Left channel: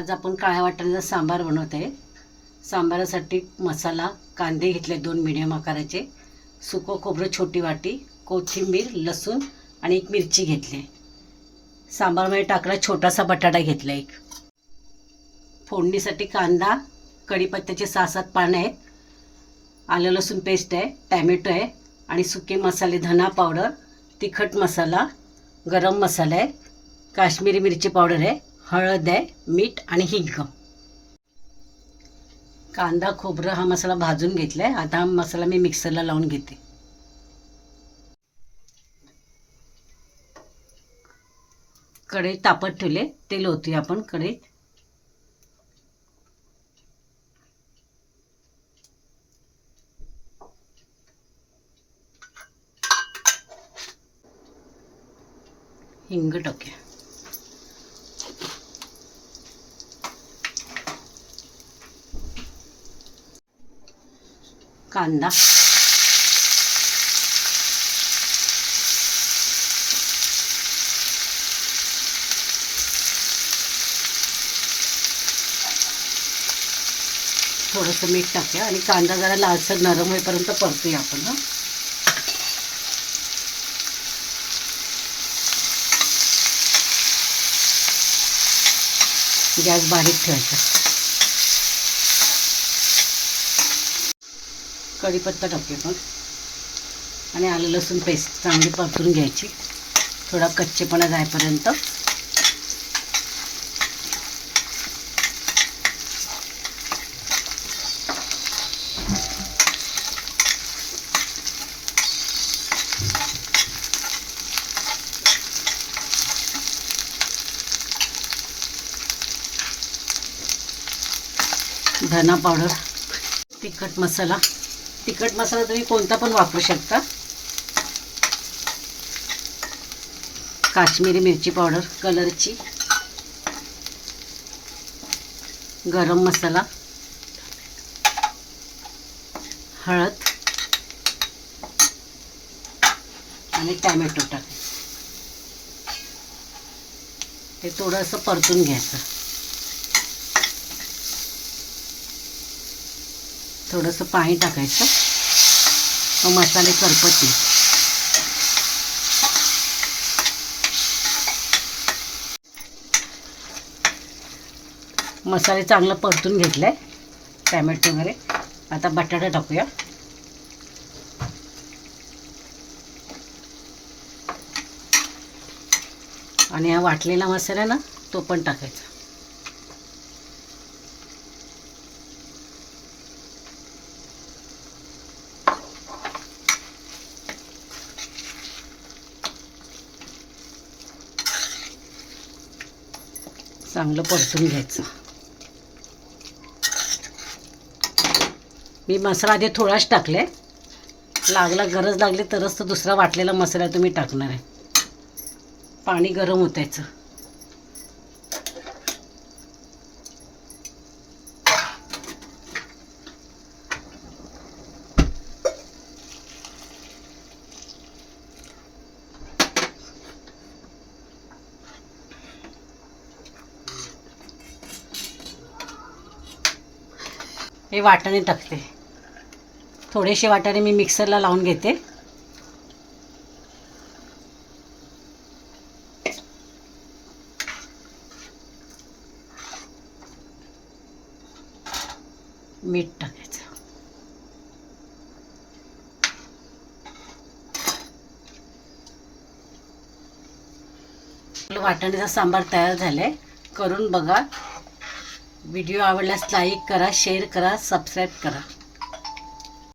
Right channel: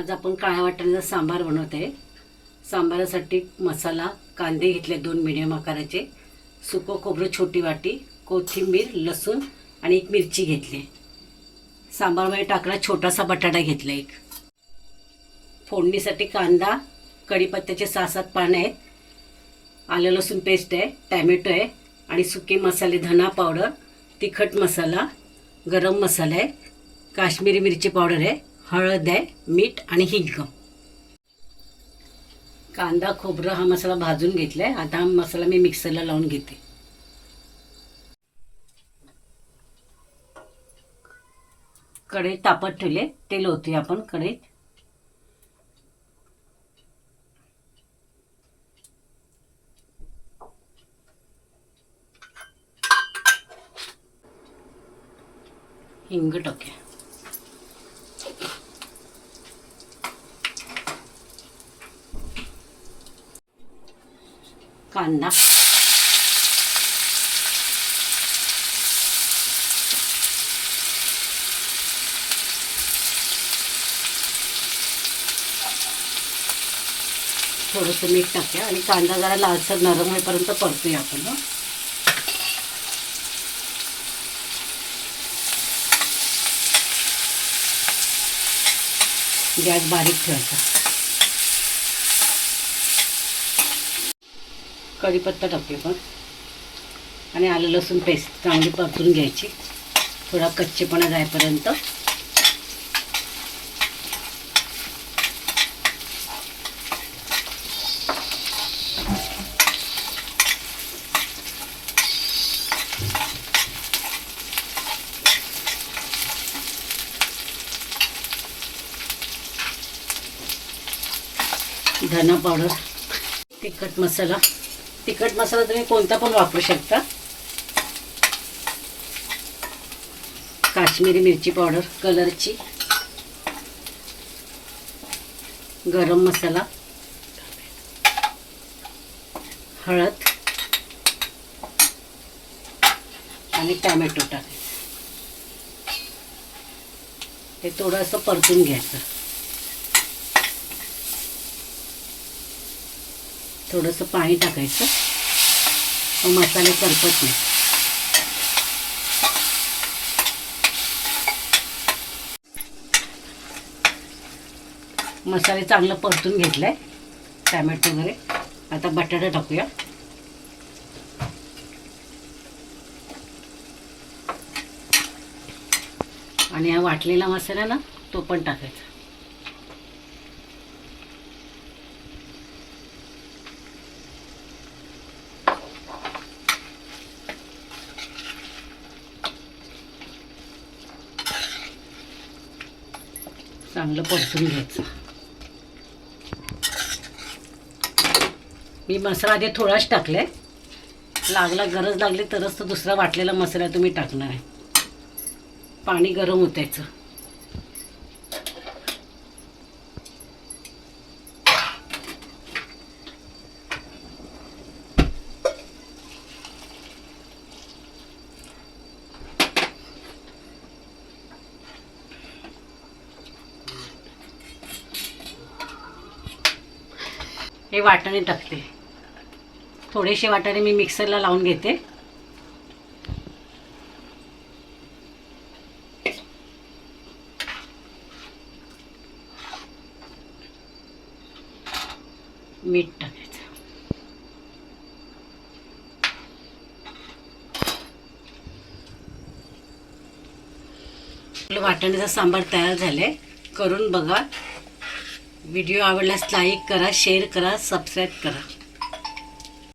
आज आपण काळ्या वाटाण्याचा सांबार बनवते। सांबारासाठी मसाला कांदे घेतले 2 मीडियम आकाराचे, सुकं खोबरं छोटी वाटी, कोथिंबीर, लसूण आणि एक मिरची घेतली। सांबारमध्ये टाकला छोटासा बटाटा घेतला एक। फोडणीसाठी कांदा, कढीपत्त्याचे 6-7 पाने आहेत, आलं लसूण पेस्ट आहे, टोमॅटो आहे आणि सुके मसाले, धना पावडर, तिखट मसाला, गरम मसाला आहे, काश्मीरी मिरची पावडर आहे, हळद आहे, मीठ आणि हिंग। कांदा खोबरं हा मसाला भाजून घेतलाय। आता हा मसाला मी मिक्सरला लावून घेते। कढई तापत ठेवले, तेल ओतूया आपण कढईत। हिंग टाकूया, कांदा, थोडंसं मीठ टाकूया आणि कांदा जरा लालसर नरम होईपर्यंत परतूया आपण। गॅस बारीक ठेवायचा। कढीपत्ता टाकूया पण आणि आलं लसूण पेस्ट चांगली परतून घ्यायची, थोडा कच्चेपणा जाईपर्यंत। धना पावडर, तिखट मसाला तुम्ही कोणता पण वापरू शकता, काश्मीरी मिरची पावडर कलरची, गरम मसाला, हळद आणि टोमॅटो टाकायचं। ते थोडंसं परतून घ्यायचं, थोडंसं पाणी टाकायचं, मग मसाले करपत नाही। मसाले चांगलं परतून घेतलाय, टोमॅटो वगैरे। आता बटाटा टाकूया आणि हा वाटलेला मसाला ना तो पण टाकायचा। चांगलं परतून घ्यायचं। मी मसाला आधी थोडाच टाकले, गरज लागली तरच तो दुसरा वाटलेला मसाला तुम्ही टाकणार आहे। पाणी गरम ओतायचं। हे वाटाणे टाकते, थोडेसे वाटाणे मी मिक्सरला लावून घेते। मीठ टाकायचं। वाटाण्याचा सांबार तयार झालाय, करून बघा। व्हिडिओ आवडल्यास लाईक करा, शेअर करा, सबस्क्राईब करा।